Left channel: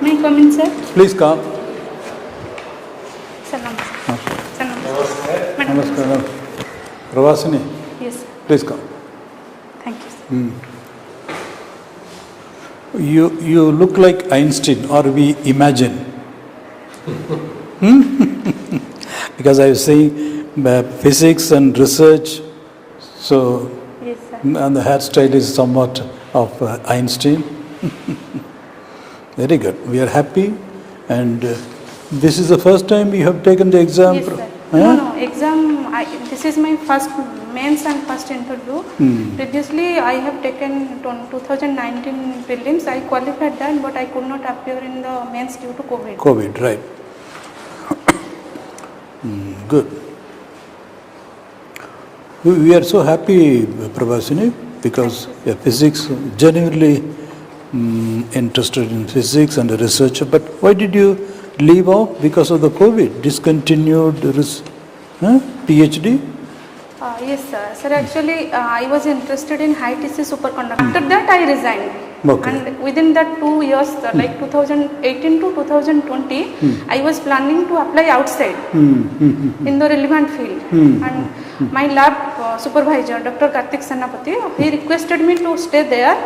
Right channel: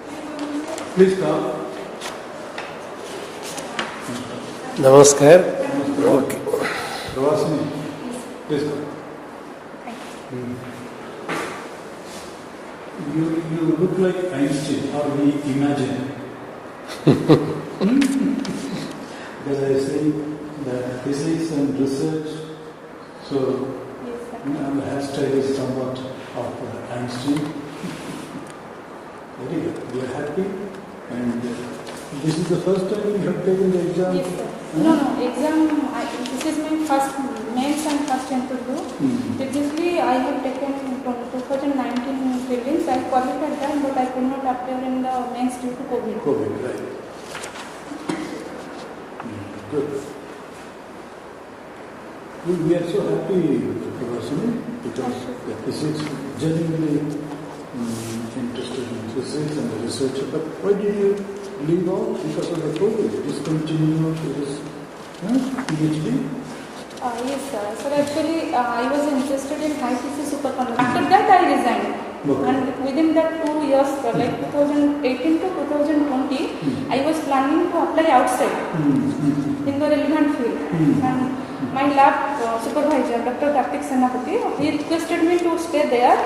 May I come in, sir? Please come. Salam. Salam. Namaskar. Namaskar. Okay. Pravasini, Yes, sir. please come. Thank you, sir. You look like Einstein, or we imagine. Because I was saying physics and research, so Yes, sir. and the hairstyle is somewhat of Einstein. Very good. We are happy, and this is the first time you have taken the exam. Yes, sir. Huh? No, exam, this is my first mains and first interview. Previously, I have taken 2019 prelims. I qualified that, but I could not appear in the mains due to COVID. COVID, right. Good. We are so happy, Pravasini, because physics, genuinely interested in physics and a researcher. But why did you leave off? Because of the COVID, discontinued PhD? Yes, sir. Sir, actually, I was interested in high TC superconductor. After that, I resigned. Okay. And within that 2 years, like 2018 to 2020, I was planning to apply outside in the relevant field. And my lab supervisor, Dr. Karthik Sanapati, he requested me to stay there.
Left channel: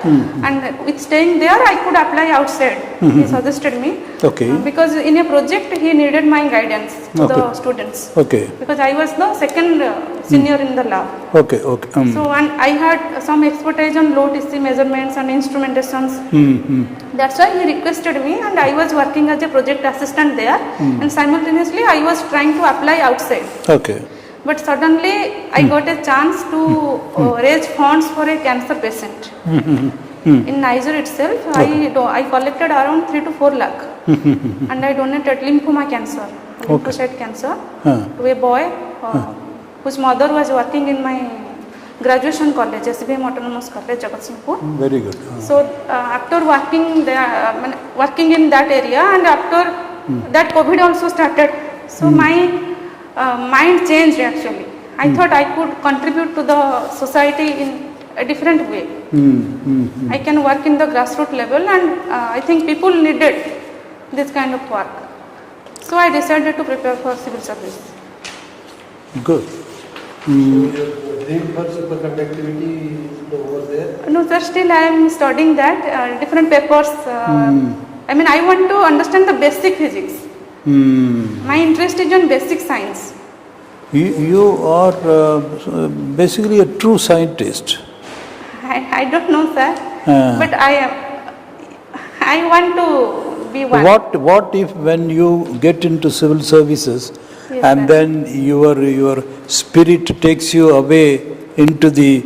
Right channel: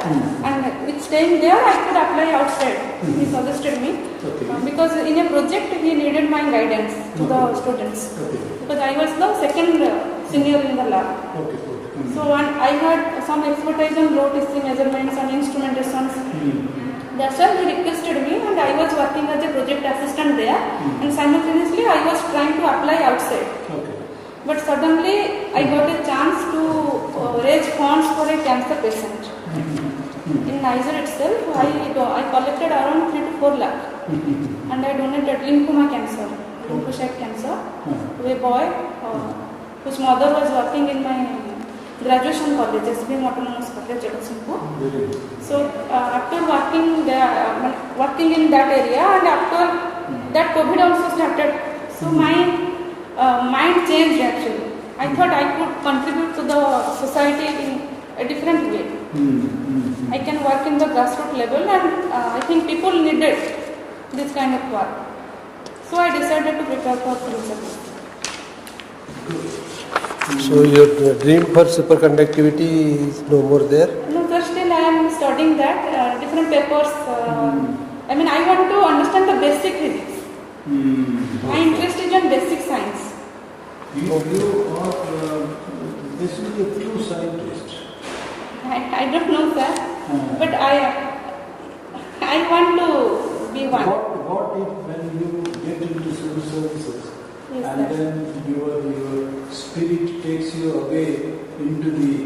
And with staying there, I could apply outside. He suggested me. Okay. Because in a project, he needed my guidance to the students. Okay. Because I was the second senior in the lab. Okay, okay. So and I had some expertise on low TC measurements and instrumentations. That's why he requested me, and I was working as a project assistant there. And simultaneously, I was trying to apply outside. Okay. But suddenly, I got a chance to raise funds for a cancer patient. In Niger itself, I collected around 3 to 4 lakh. And I donated lymphoma cancer, lymphocyte cancer, to a boy whose mother was working in my graduation college, SBM Autonomous College, Jagatsinghpur. Very good. So after working there, working in that area, and after that COVID also started, so my mind changed actually. I thought I could contribute to the society in a different way. I can work in the grassroots level, and I think people needed this kind of work. So I decided to prepare for civil service. Good. So your dream for superconductivity is no more there? No, sir, still I am studying that, different papers. I mean, I want to understand the basic physics. My interest is in basic science. You are basically a true scientist. I don't know, sir, but I want to be one. What if when you get into civil services, Yes, and sir. then your spirit takes you away into the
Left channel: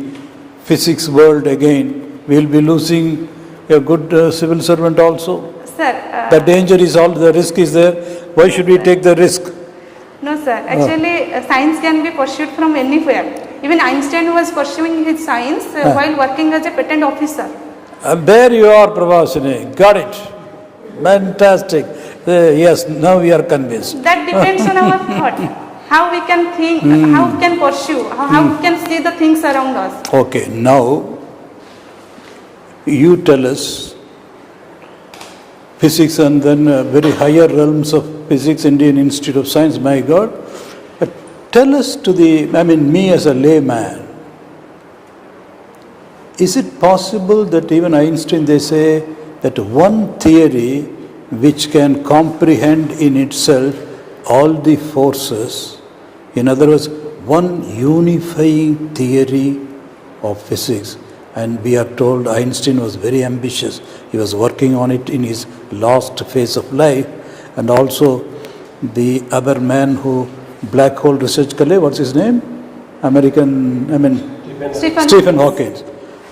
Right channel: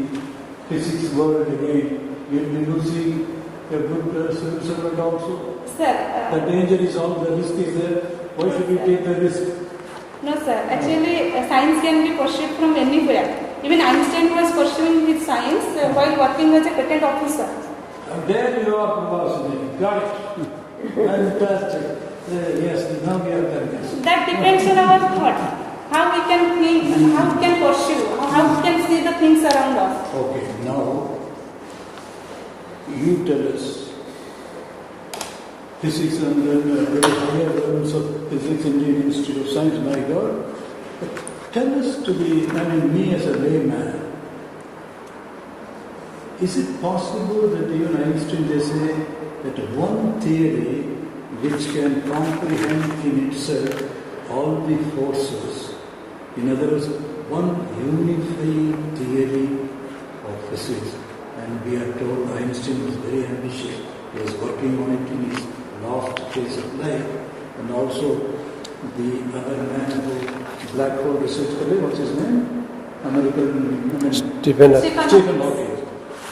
physics world again, we'll be losing a good civil servant also? Sir, The danger is all, the risk is there. Why should we take the risk? no, sir. Actually, science can be pursued from anywhere. Even Einstein was pursuing his science while working as a patent officer. There you are, Pravasini. Got it. Fantastic. Yes, now we are convinced. That depends on our thought. How we can think, how we can pursue, how we can see the things around us. Okay, now you tell us physics and then very higher realms of physics, Indian Institute of Science, my God. But tell us me as a layman, is it possible that even Einstein, they say that one theory which can comprehend in itself all the forces, in other words, one unifying theory of physics, and we are told Einstein was very ambitious. He was working on it in his last phase of life, and also the other man who black hole research kale, what's his name? Stephen Hawking.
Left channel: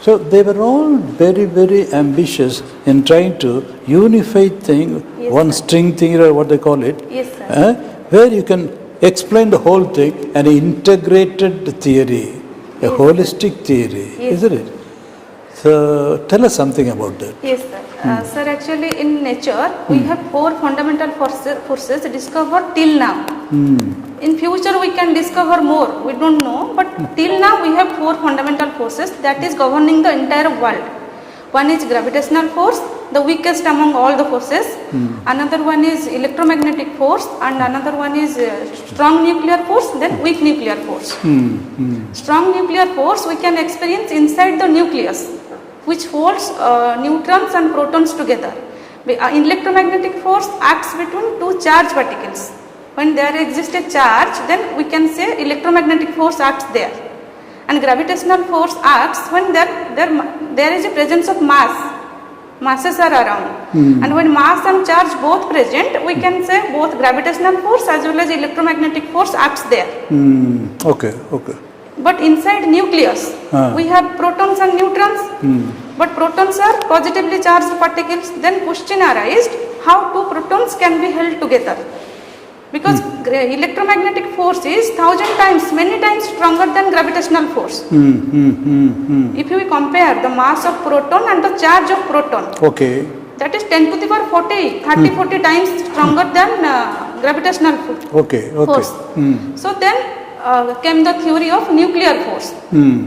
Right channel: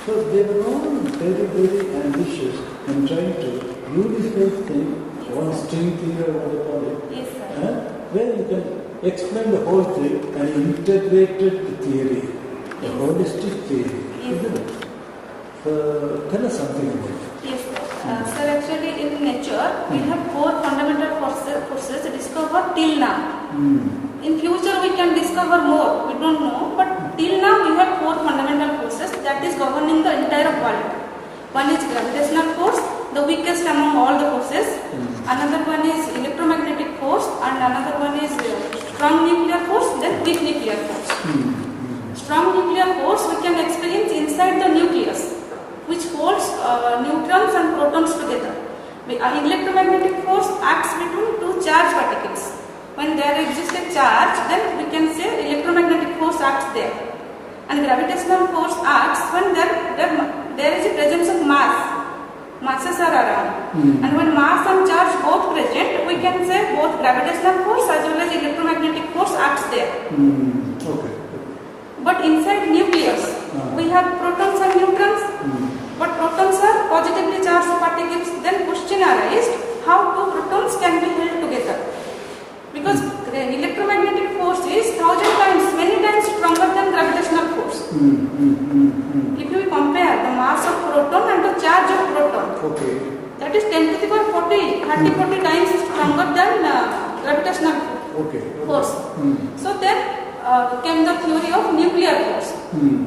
So they were all very, very ambitious in trying to unify thing, Yes, one sir. string thing or what they call it, Yes, sir. where you can explain the whole thing, an integrated theory, a holistic theory, Yes. isn't it? So tell us something about that. Yes, sir. Sir, actually in nature, we have 4 fundamental forces discovered till now. In future, we can discover more. We don't know, but till now we have 4 fundamental forces that is governing the entire world. One is gravitational force, the weakest among all the forces. Another one is electromagnetic force, and another one is strong nuclear force, then weak nuclear force. Strong nuclear force we can experience inside the nucleus, which holds neutrons and protons together. Electromagnetic force acts between two charged particles. When there exists a charge, then we can say electromagnetic force acts there. And gravitational force acts when there is a presence of mass. Masses are around. And when mass and charge both present, we can say both gravitational force as well as electromagnetic force acts there. Okay. But inside nucleus, we have protons and neutrons. But protons are positively charged particles. Then question arises, how two protons can be held together? Because electromagnetic force is many times stronger than gravitational force. If we compare the mass of proton and the charge of proton, that is 10 to the power 40 times stronger than gravitational force. So then came the theory of nuclear force.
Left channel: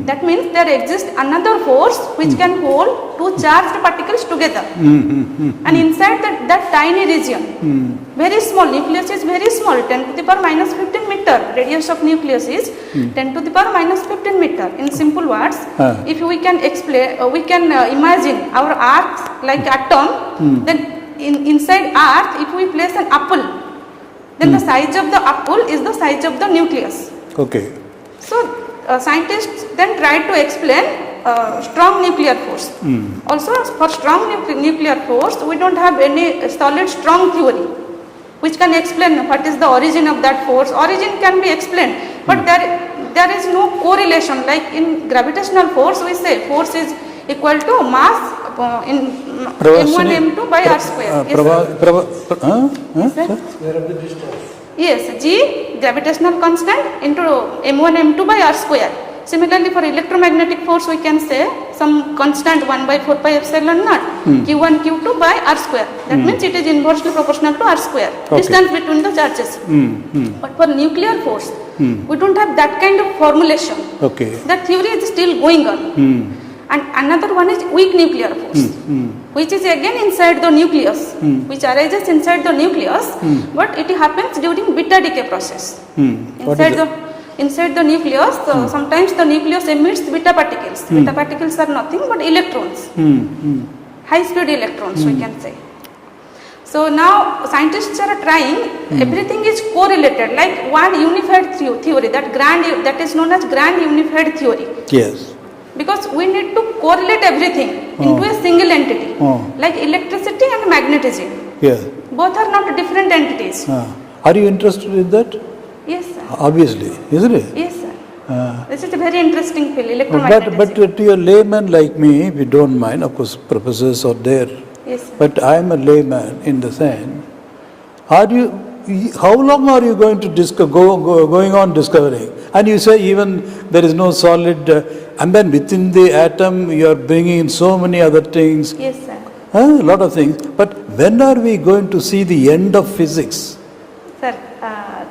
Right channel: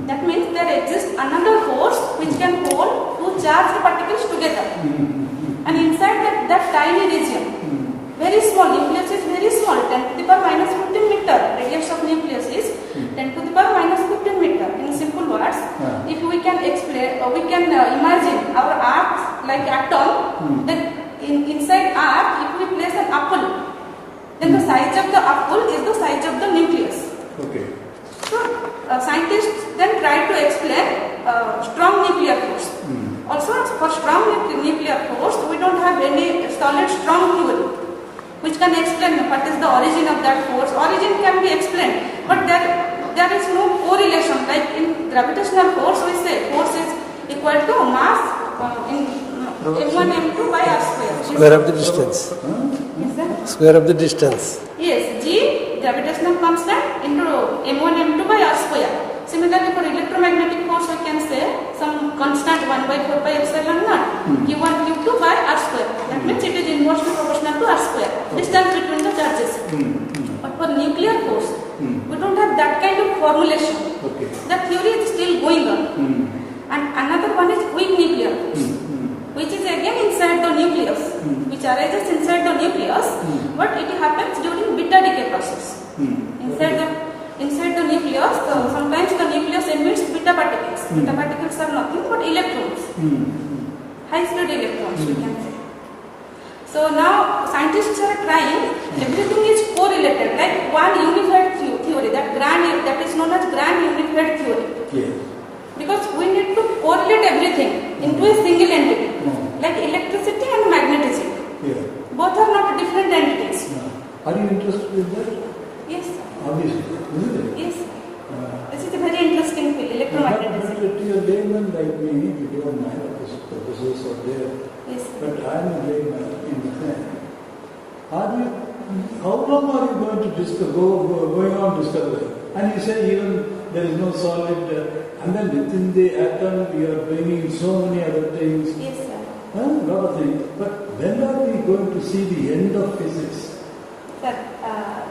That means there exists another force which can hold two charged particles together. And inside that tiny region, very small, nucleus is very small, 10 to the power minus 15 meter, radius of nucleus is 10 to the power minus 15 meter. In simple words, if we can explain, we can imagine our earth like atom, then inside earth, if we place an apple, then the size of the apple is the size of the nucleus. So scientists then tried to explain strong nuclear force. Also for strong nuclear force, we don't have any solid strong theory which can explain what is the origin of that force. Origin can be explained, but there is no correlation. Like in gravitational force, we say force is equal to mass in m1 m2 by r square. Square of the distance. Yes, g gravitational constant into m1 m2 by r square. Similarly, for electromagnetic force, we can say some constant 1 by 4 pi epsilon naught, q1 q2 by r square. That means it is inversely proportional to r square, distance between the charges. But for nuclear force, we don't have that kind of formulation. That theory is still going on. And another one is weak nuclear force, which is again inside the nucleus, which arises inside the nucleus, but it happens during beta decay process. Inside the nucleus, sometimes the nucleus emits beta particles. Beta particles are nothing but electrons, high speed electrons we can say. So now scientists are trying, everything is correlated, like one unified theory, that is known as grand unified theory. Yes. Because we need to correlate everything into a single entity, like electricity and magnetism. Both are not different entities. Are you interested in that? Yes, sir. Obviously, isn't it? Yes, sir. This is a very interesting field, electromagnetism. But to a layman like me, we don't mind. Of course, professors are there. Yes, sir. But I am a layman in the sense. How long are you going to going on discovering? And you say even there is no solid, and then within the atom you are bringing in so many other things. Yes, sir. A lot of things. But when are we going to see the end of physics? Sir,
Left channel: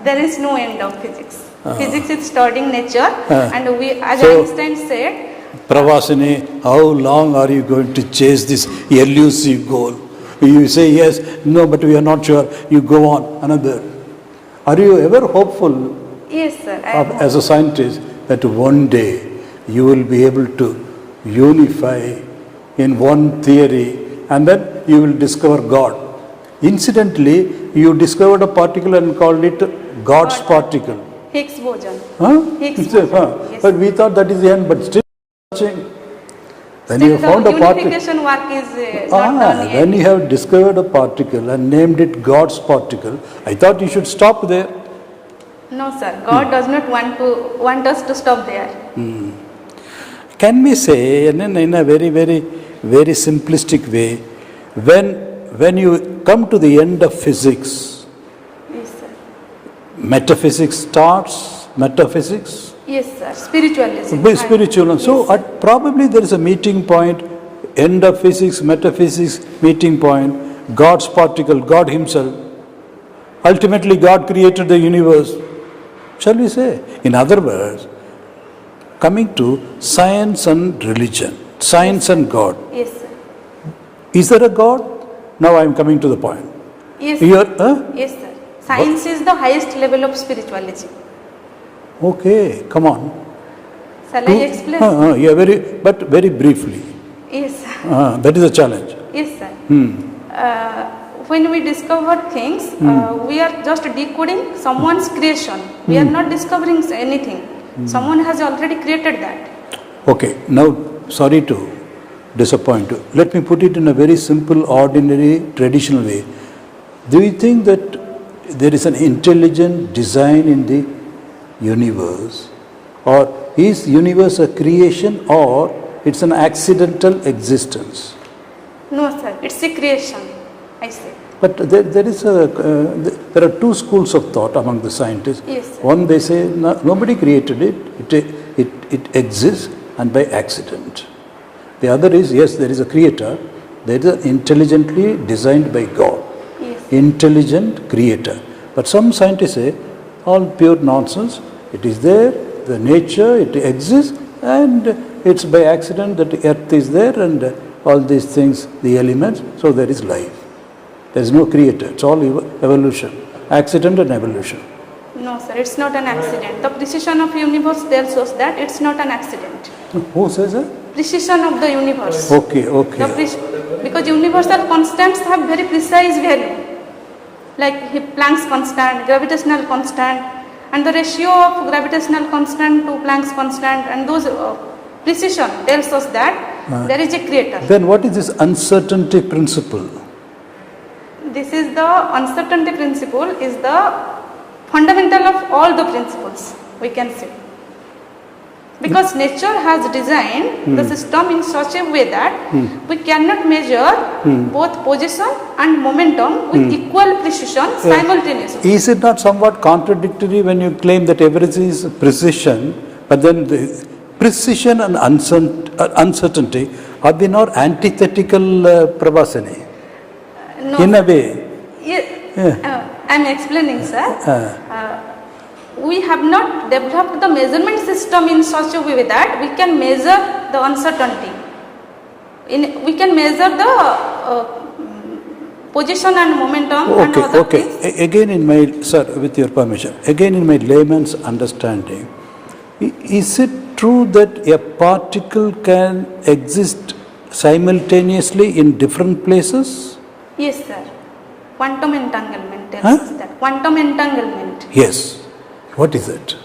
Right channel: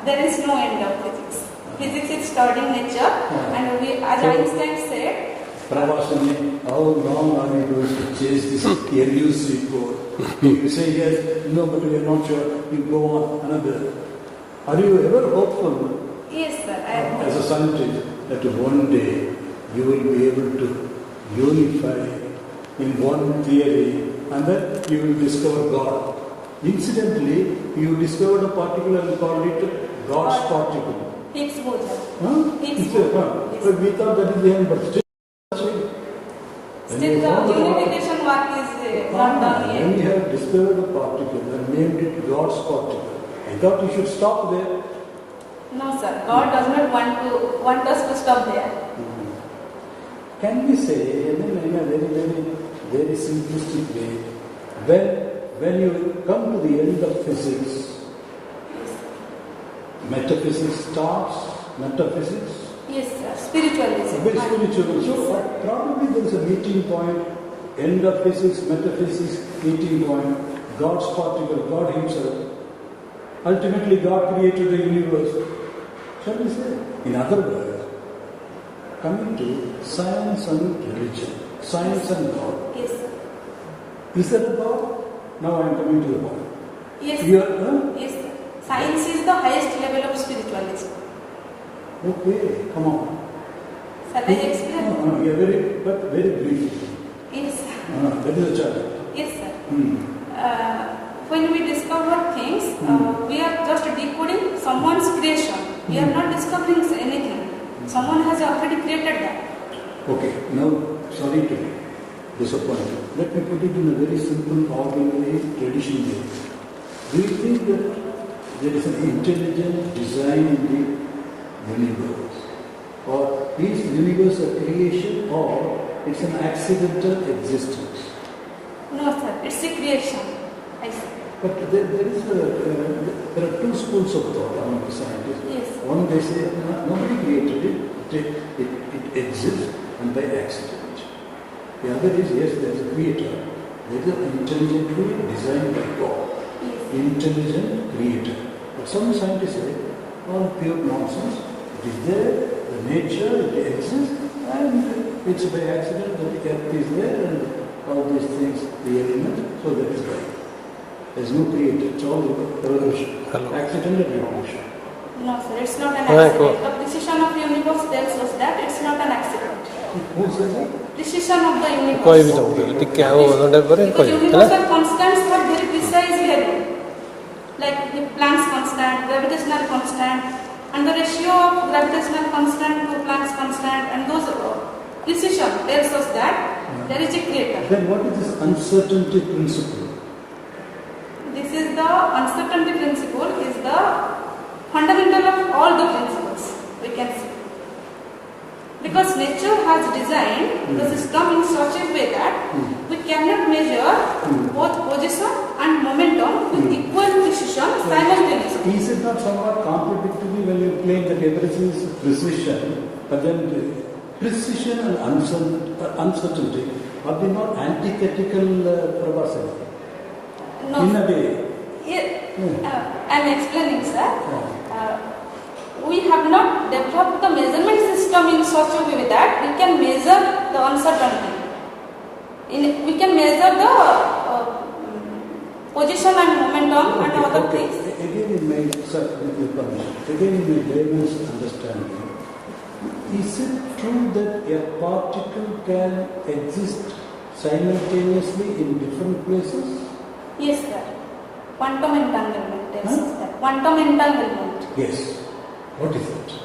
there is no end of physics. Physics is stored in nature, and as Einstein said, PRAVASINI, how long are you going to chase this elusive goal? You say yes, no, but we are not sure. You go on another. Are you ever hopeful? Yes, sir. As a scientist, that one day you will be able to unify in one theory, and then you will discover God. Incidentally, you discovered a particle and called it God's particle. Higgs boson. Higgs boson. Yes. But we thought that is the end, but still searching. When you found a particle, unification work is not done yet. When you have discovered a particle and named it God's particle, I thought you should stop there. No, sir. God does not want us to stop there. Can we say, in a very, very, very simplistic way, when you come to the end of physics, yes, sir. Metaphysics starts, metaphysics? Yes, sir. Spiritualism. Spiritual. So probably there is a meeting point, end of physics, metaphysics, meeting point, God's particle, God himself. Ultimately God created the universe. Shall we say? In other words, coming to science and religion, science and God. Yes, sir. Is there a God? Now I am coming to the point. Yes, You are, yes, sir. Science is the highest level of spirituality. Okay, come on. Shall I explain? Yeah, but very briefly. Yes, sir. That is a challenge. Yes, sir. When we discover things, we are just decoding someone's creation. We are not discovering anything. Someone has already created that. Okay, now sorry to disappoint you. Let me put it in a very simple, ordinary, traditional way. Do you think that there is an intelligent design in the universe? Or is universe a creation or it's an accidental existence? No, sir. It's a creation, I say. But there are two schools of thought among the scientists. Yes, sir. One, they say nobody created it. It exists and by accident. The other is, yes, there is a creator. There is an intelligently designed by God. Yes. Intelligent creator. But some scientists say, all pure nonsense. It is there, the nature, it exists, and it's by accident that the earth is there and all these things, the elements, so there is life. There is no creator. It's all evolution. Accident and evolution. No, sir. It's not an accident. The precision of universe tells us that it's not an accident. Who says that? Precision of the universe. Okay. Because universal constants have very precise value. Like Planck's constant, gravitational constant, and the ratio of gravitational constant to Planck's constant, and those precision tells us that there is a creator. Then what is this uncertainty principle? This is the uncertainty principle is the fundamental of all the principles, we can say. Because nature has designed the system in such a way that we cannot measure both position and momentum with equal precision simultaneously. Is it not somewhat contradictory when you claim that everything is precision, but then the precision and uncertainty, are they not antithetical, Pravasini? No, In a way. I am explaining, sir. We have not developed the measurement system in such a way that we can measure the uncertainty. We can measure the position and momentum and other things. Again in my, sir, with your permission, again in my layman's understanding, is it true that a particle can exist simultaneously in different places? Yes, sir. Quantum entanglement tells us that. Quantum entanglement. Yes. What is it?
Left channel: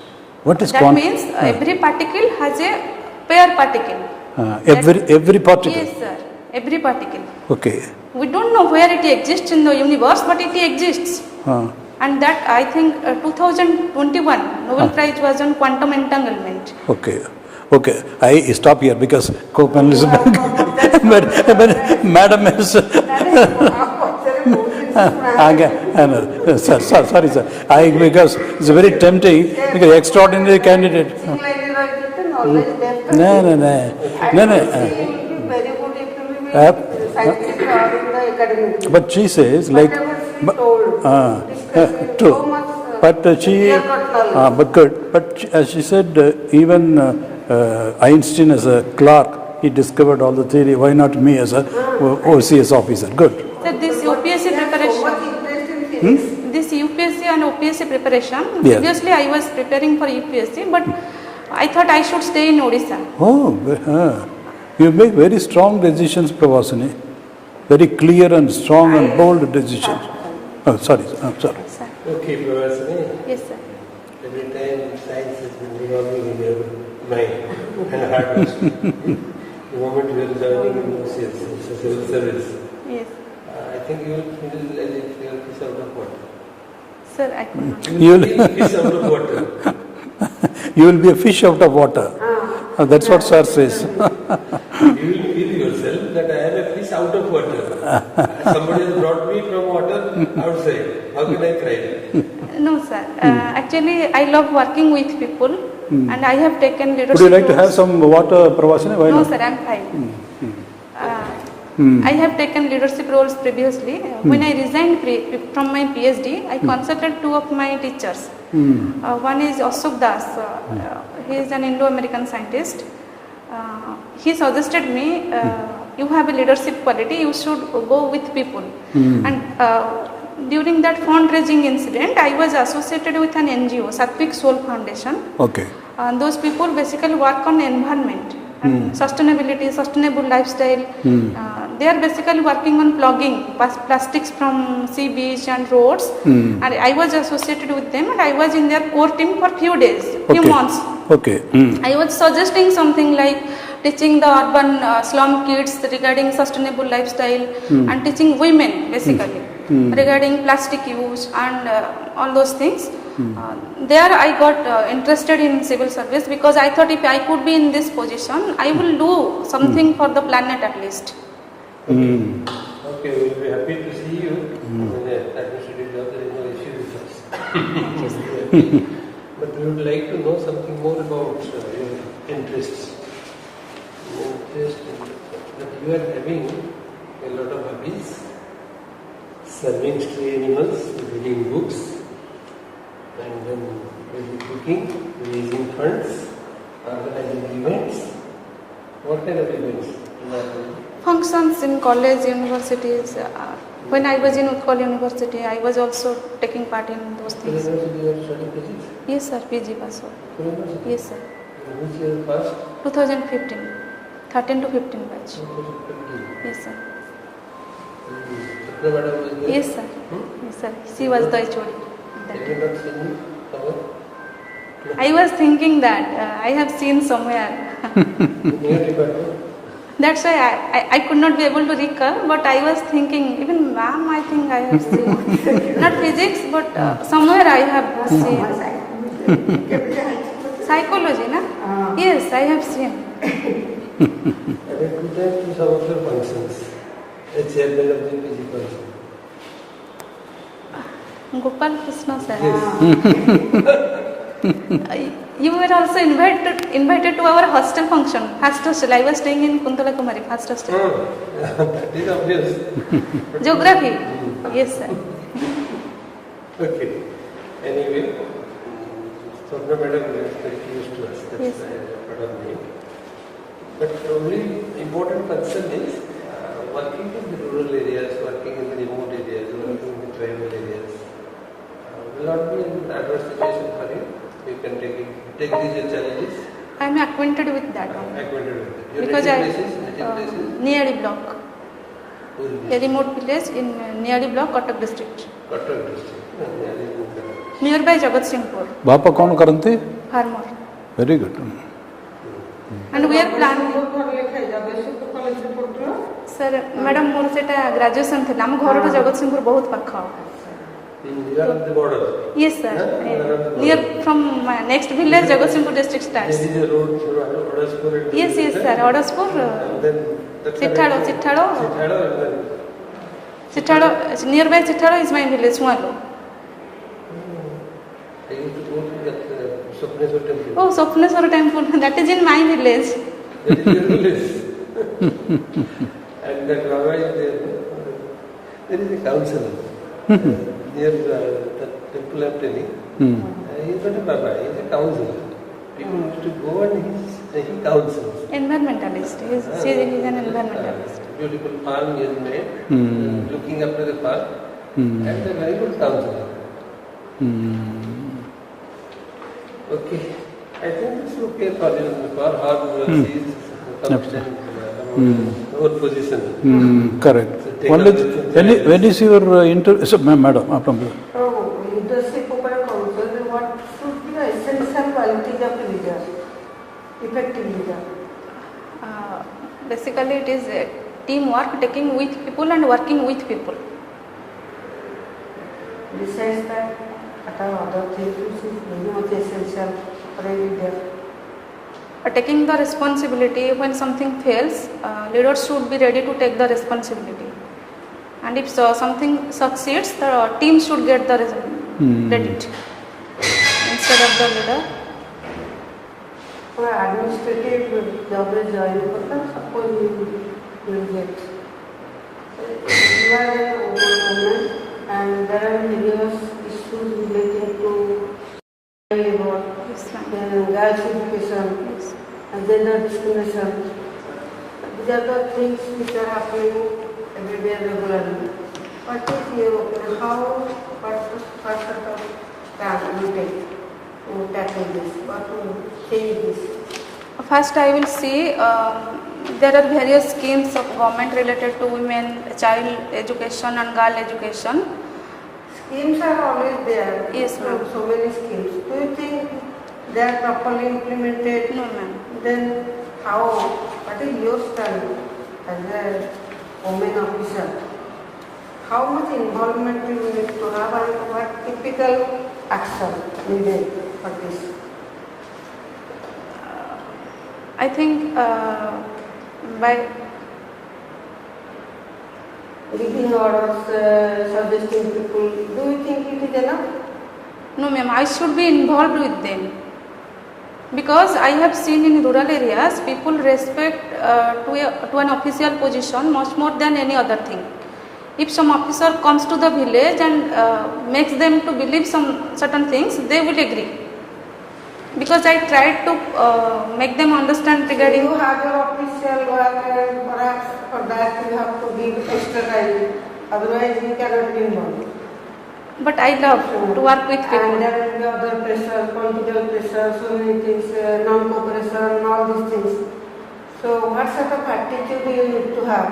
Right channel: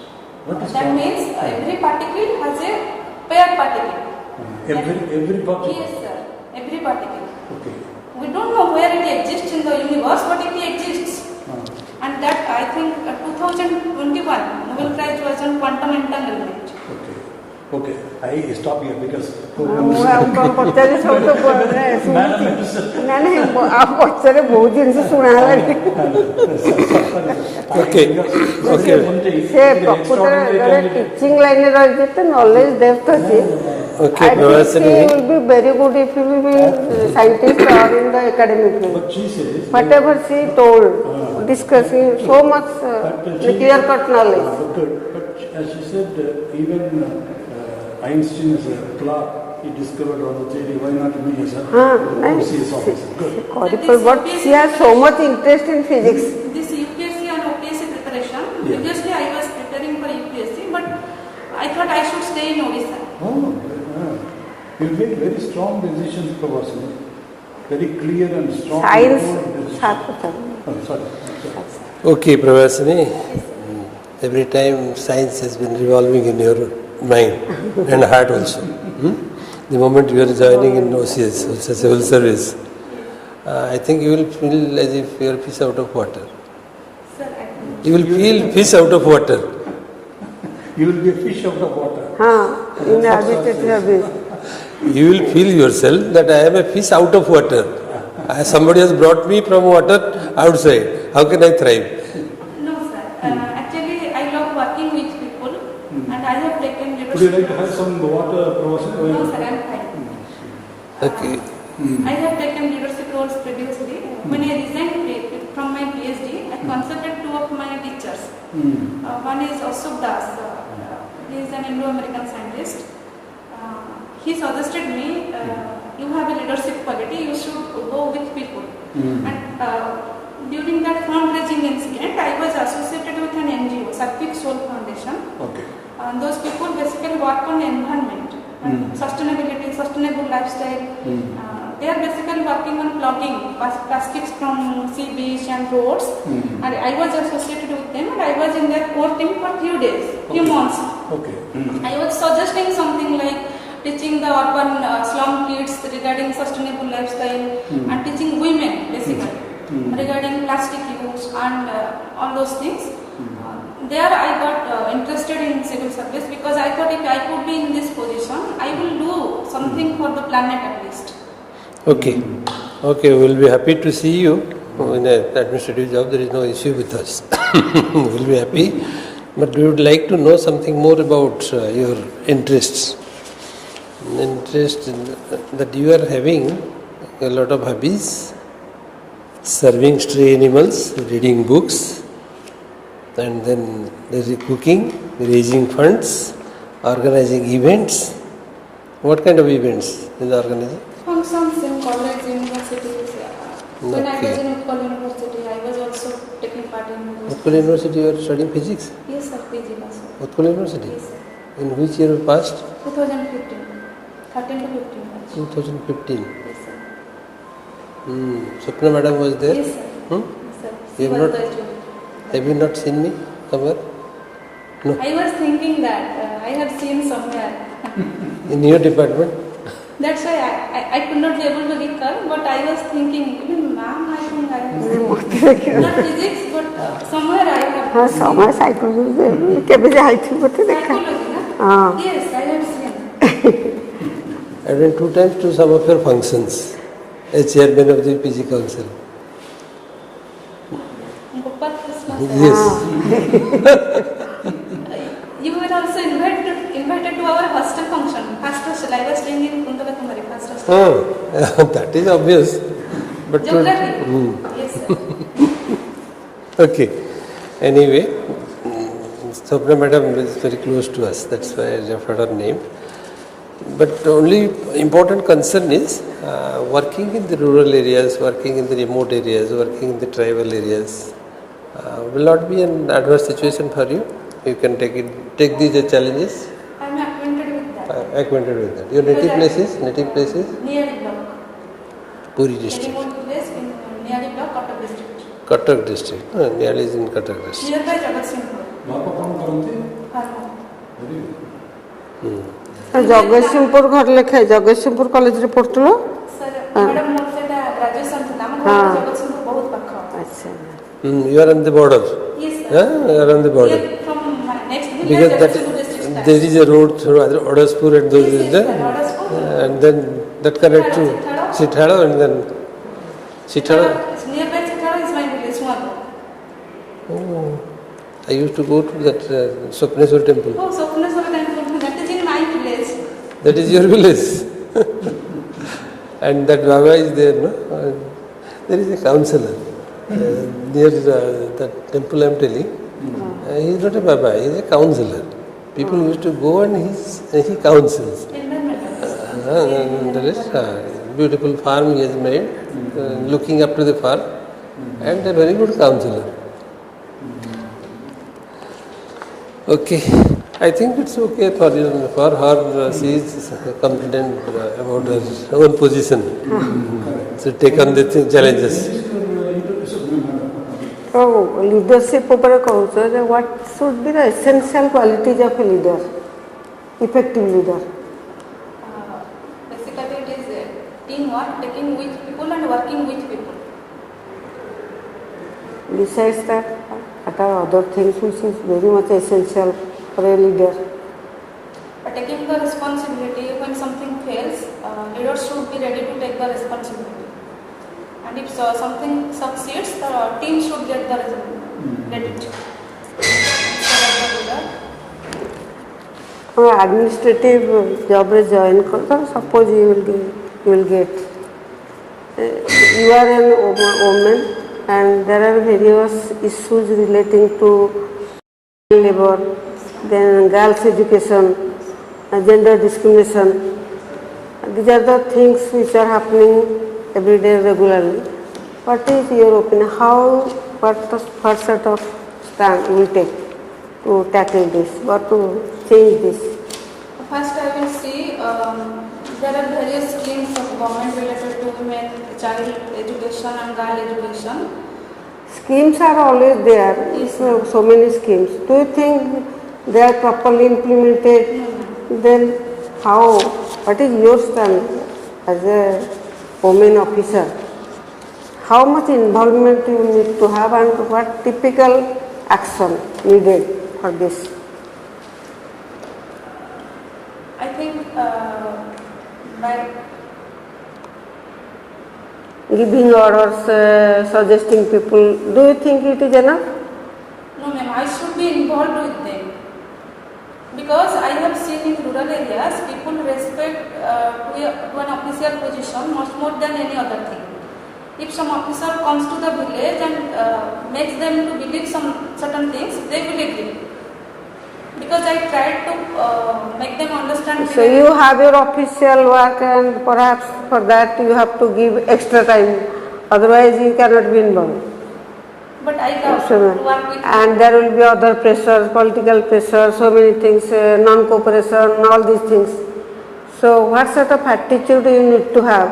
What is that means every particle has a pair particle. Every particle? Yes, sir. Every particle. Okay. We don't know where it exists in the universe, but it exists. And that, I think, 2021 Nobel Prize was on quantum entanglement. Okay. I stop here because co-panelist madam is sorry sir. Because it's very tempting because extraordinary candidate. Knowledge depth. It will be very good if you will be a scientist or in the academic. But she says whatever she told, discussing so much clear-cut knowledge. But good. But as she said, even Einstein as a clerk, he discovered all the theory. Why not me as a OCS officer? Good. So she has so much interest in physics. This UPSC and OPSC preparation, previously I was preparing for UPSC, but I thought I should stay in Odisha. You make very strong decisions, Pravasini. Very clear and strong and bold decisions. Sorry. Okay, Pravasini. Yes, sir. Every time science has been revolving in your mind and heart also. The moment you are joining in OCS, also civil service, yes. I think you will feel as if you are fish out of water. Sir, I could not. You will feel fish out of water. You will be a fish out of water. That's what sir says. You will feel yourself that I am a fish out of water. Somebody has brought me from water outside. How can I thrive? No, sir. Actually, I love working with people, and I have taken leadership. Would you like to have roles. some water, Pravasini? Why No, not? sir. I'm fine. Okay. I have taken leadership roles previously. When I resigned from my PhD, I consulted two of my teachers. One is Ashok Das. He is an Indo-American scientist. He suggested me you have a leadership quality, you should go with people. And during that fundraising incident, I was associated with an NGO, Sattvic Soul Foundation. Okay. Those people basically work on environment, sustainability, sustainable lifestyle. They are basically working on plugging plastics from sea, beach and roads. And I was associated with them, and I was in their core team for few days, few months. Okay. I was suggesting something like teaching the urban slum kids regarding sustainable lifestyle and teaching women basically regarding plastic use and all those things. There I got interested in civil service because I thought if I could be in this position, I will do something for the planet at least. Okay. Okay, we will be happy to see you in an administrative job. There is no issue with us. We will be happy. But we would like to know something more about your interests. Interest in that you are having a lot of hobbies, serving stray animals, reading books, and then there is cooking, raising funds, organizing events. What kind of events is organizing? Functions in college, universities. When I was in Utkal University, I was also taking part in those Utkal things. University, you are studying physics? Yes sir, PG Baso. Utkal University? Yes sir. In which year you passed? 2015. 13 to 15 batch. 2015. Yes sir. Swapna madam was there? Yes sir. Hmm? Yes sir. She You was not- the HOD. Have you not seen me somewhere? No. I was thinking that I have seen somewhere. In your department? That's why I could not be able to recall, but I was thinking, even ma'am, I think I have seen. Not physics, but somewhere I have seen. Summer psychology. କେବେ ଯାଇଛୁ ଗୋଟେ ଦେଖା? Psychology, na? Yes, I have seen. I went 2 times to some of your functions as chairman of the PG Council. Gopal Krishna sir. Yes. You were also invited to our hostel function. First hostel. I was staying in Kuntala Kumari, first hostel. Oh, that is obvious. But Geography. Yes sir. Okay. Anyway, Swapna madam is very close to us. That's why I referred her name. But only important concern is working in the rural areas, working in the remote areas, working in the tribal areas. Will not be an adverse situation for you. You can take these as challenges. I am acquainted with that. Acquainted with that. Your Because native places? Nearly block. Puri A district. remote village in Nearly block, Cuttack district. Cuttack district. Nearly is in Cuttack district. Nearby Jagatsinghpur. बापा कौन करते? Farmer. Very good. And we are Jagatsinghpur ଘର ଲେଖା ଜଗତସିଂହପୁର କଲେଜରେ ପଢୁଥିଲ? Sir, madam ମୋର ସେଟା graduation ଥିଲା ଆମ ଘର ଜଗତସିଂହପୁର ବହୁତ ପାଖ. ଆଚ୍ଛା. You are on the border. Yes sir. You are on the border. Here from next village Jagatsinghpur district starts. There is a road through Odaspur and those Yes, yes there. sir. Odaspur. And then that connects to Chithalo. Chithalo and then Chithalo. Nearby Chithalo is my village, Sualo. I used to go to that Swapneswar temple. Oh, Sopneswara temple. That is in my village. That is your village. And that Baba is there, no? There is a counselor near that temple I am telling. He is not a Baba, he is a counselor. People used to go and he counsels. Environmentalist. He is sharing with an There is environmentalist. beautiful farm he has made, looking up to the farm, and a very good counselor. Okay, I think it's okay for her. She is confident about her own position. Correct. So take on the challenges. When is your so, madam, आपने So leadership ଉପରେ କହୁଛ ଯେ what should be the essential qualities of a leader, effective leader? Basically, it is teamwork, taking with people and working with people. Besides that, what are other things which is very much essential for a leader? Taking the responsibility when something fails, leaders should be ready to take the responsibility. And if something succeeds, the team should get the credit instead of the leader. Administrative job रे join करता suppose you will get you are an woman and there are various issues relating to labor, then girls education, gender discrimination, These are the things which are happening every day regularly. What is your opinion? What the first set of stand you will take to tackle this or to change this? First, I will see there are various schemes of government related to women, child education and girl education. Schemes are always there. Yes, So many schemes. Do you think they are properly implemented? No, ma'am. Then how? What is your stand as a women officer? How much involvement you need to have and what typical action needed for this? I think by Giving orders, suggesting people, do you think it is enough? no, ma'am, I should be involved with them. Because I have seen in rural areas, people respect to an official position much more than any other thing. If some officer comes to the village and makes them to believe some certain things, they will agree. Because I tried to make them understand. So you have your official work and perhaps for that you have to give extra time. Otherwise you cannot be involved. But I love to work with people. And there will be other pressures, political pressure, so many things, non-cooperation, all these things. So what sort of attitude you need to have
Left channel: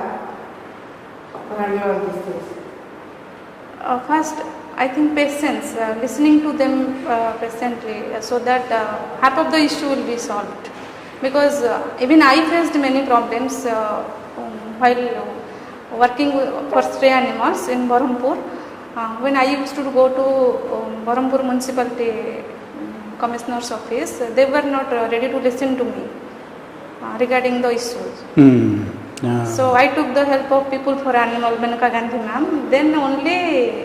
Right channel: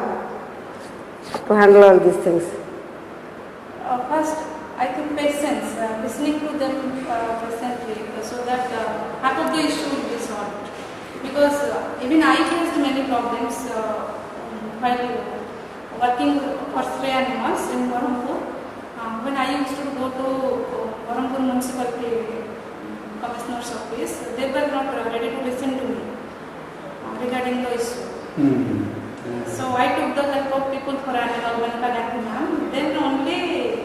to handle all these things? First, I think patience, listening to them patiently so that half of the issue will be solved. Because even I faced many problems while working for stray animals in Berhampur. When I used to go to Berhampur Municipality Commissioner's office, they were not ready to listen to me regarding the issues. So I took the help of people for animal, Manaka Gandhi ma'am. Then only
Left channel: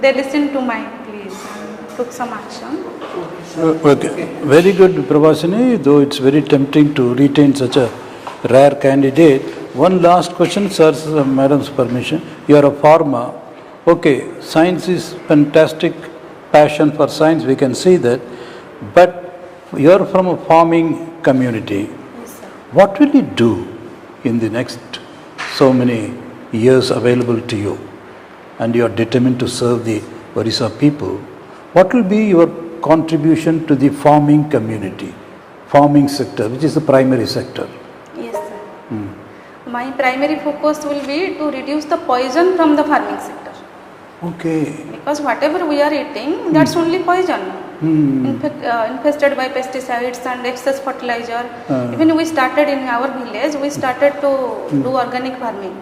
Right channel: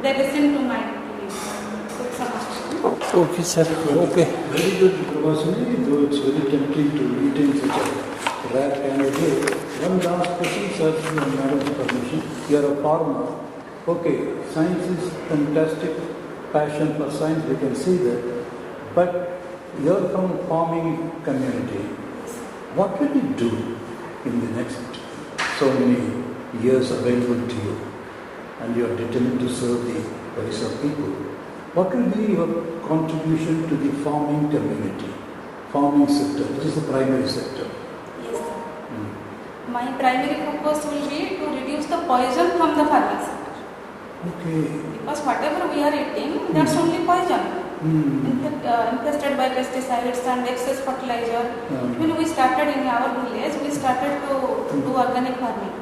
they listened to my pleas and took some action. Okay, sir. Okay. Very good, Pravasini, though it's very tempting to retain such a rare candidate. One last question, sir, madam's permission. You are a farmer. Okay, science is fantastic, passion for science, we can see that. But you are from a farming community. What will you do in the next so many years available to you? And you are determined to serve the Odisha people. What will be your contribution to the farming community, farming sector, which is the primary sector? Yes, sir. My primary focus will be to reduce the poison from the farming sector. Okay. Because whatever we are eating, that's only poison. Infested by pesticides and excess fertilizer. Even we started in our village, we started to do organic farming,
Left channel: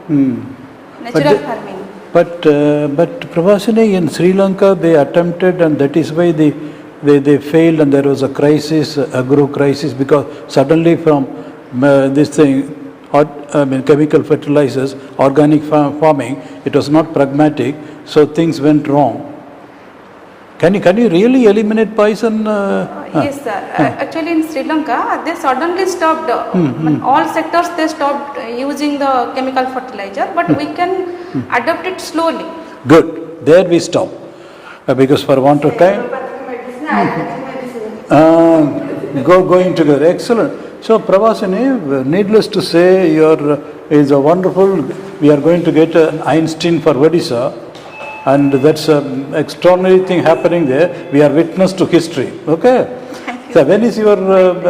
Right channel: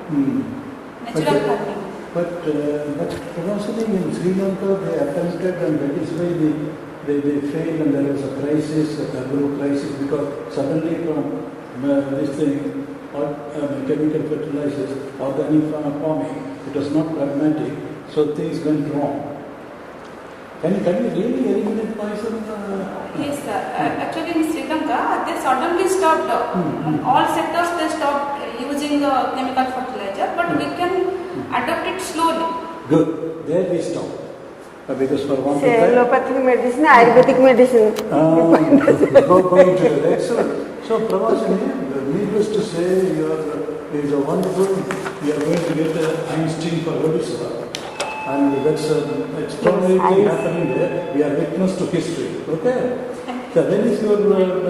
natural farming. But Pravasini, in Sri Lanka they attempted, and that is why they failed, and there was a crisis, agro crisis, because suddenly from this thing, chemical fertilizers, organic farming, it was not pragmatic, so things went wrong. Can you really eliminate poison? Yes, sir. Actually, in Sri Lanka, they suddenly stopped. All sectors they stopped using the chemical fertilizer, but we can adopt it slowly. Good. There we stop. Because for want of time. Allopathic medicine, Ayurvedic medicine. Going together. Excellent. So, Pravasini, needless to say, is a wonderful. We are going to get an Einstein for Odisha. And that's an extraordinary thing happening there. We are witness to history. Okay? So when is your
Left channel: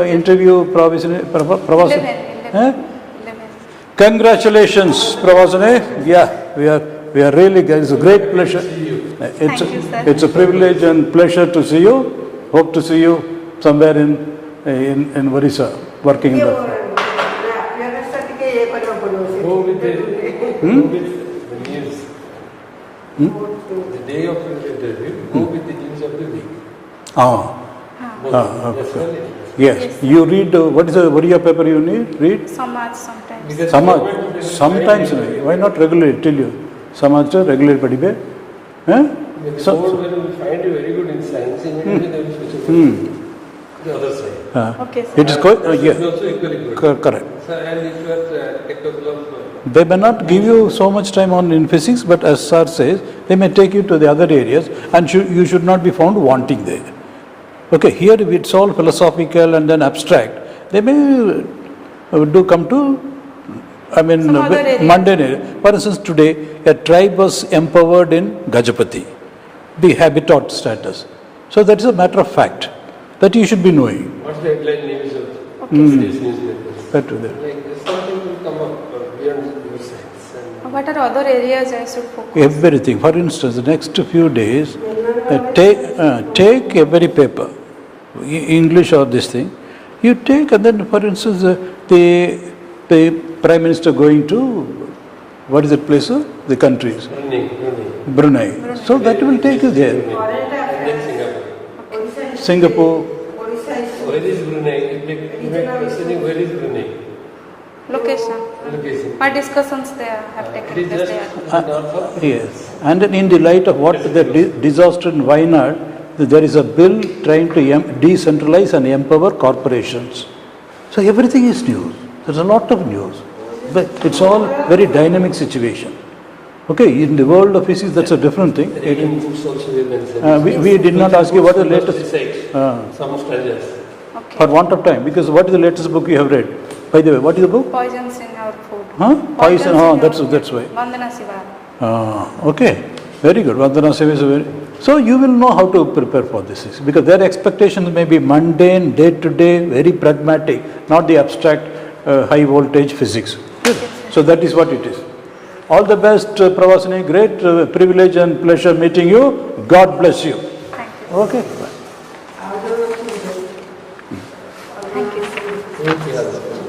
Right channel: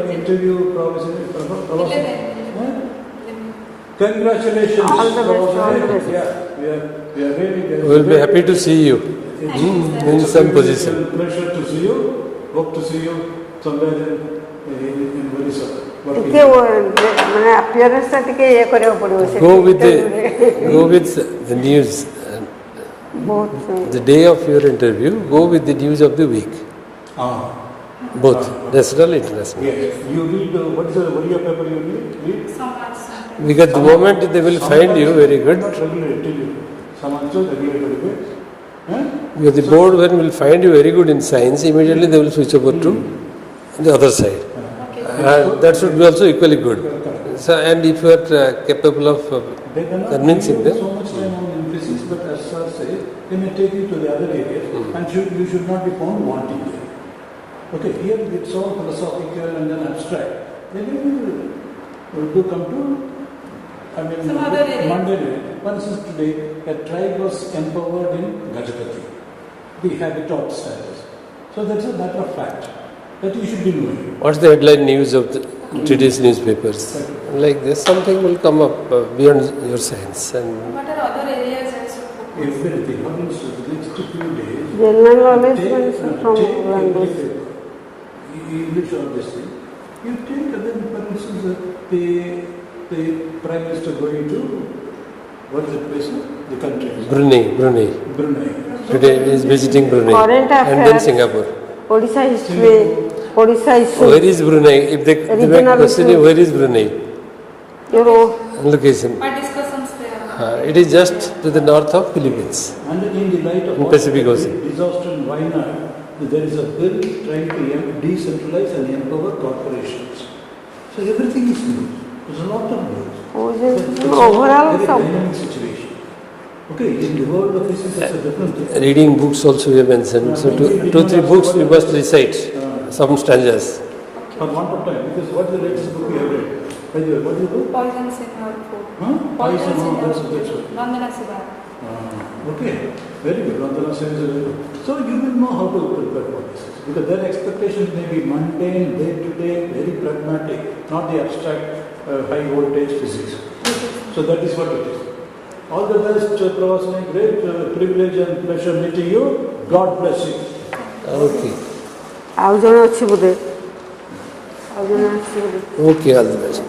interview, Pravasini? 11. Congratulations, Pravasini. Yeah, we are really guys. We'll be happy to see you. It's a privilege and pleasure to see you. Hope to see you somewhere in Odisha working. Go with the news. The day of your interview, go with the news of the week. Both national, international. Yes. You read what is the Oriya paper you read? Samaj sometimes. Because the moment they will find you very good. Not regularly, tell you. Samaj regular padibe. Because the board one will find you very good in science, immediately they will switch over to the other side. Okay. It's good. That should be also equally good. Correct. So, and if you are capable of... They may not give you so much time in physics, but as sir says, they may take you to the other areas, and you should not be found wanting there. Okay, here it's all philosophical and then abstract. They may come to I mean, Some other area. mundane area. For instance, today, a tribe was empowered in Gajapati, the habitat status. So that's a matter of fact that you should be knowing. What's the headline news of today's newspapers? That will be. Like this, something will come up beyond your science. And What are other areas I should focus? Everything. For instance, the next few days, General knowledge take every paper, English or this thing. You take, and then, for instance, the Prime Minister going to, what is the place? The countries. Brunei. So Today that will is take you visiting there. Brunei Current and then affairs. Singapore. Odisha history. Singapore. Odisha history. Where is Brunei? If they want to Regional question you, where is Brunei? Location. Location. What discussions there? It is just to the north of Philippines. Yes. And then in the light of what Pacific the Ocean. disaster in Wayanad, there is a bill trying to decentralize and empower corporations. So everything is news. There's a lot of news. But it's all overall very some- dynamic situation. Okay, in the world of physics, that's a different thing. Reading books also we have mentioned. we did not ask you what we is must latest- recite some stanzas. For want of time, because what is the latest book you have read? By the way, what is the book? Poisons in our food. Huh? Poison, that's why. Vandana Siva. Okay, very good. Vandana Seva is very. So you will know how to prepare for this because their expectations may be mundane, day to day, very pragmatic, not the abstract, high voltage physics. So that is what it is. All the best, Pravasini. Great privilege and pleasure meeting you. God bless you. Okay. ଆଉ ଜଣେ ଅଛି ବୋଧେ ଆଉ ଜଣେ ଅଛି ବୋଧେ Okay, all the best.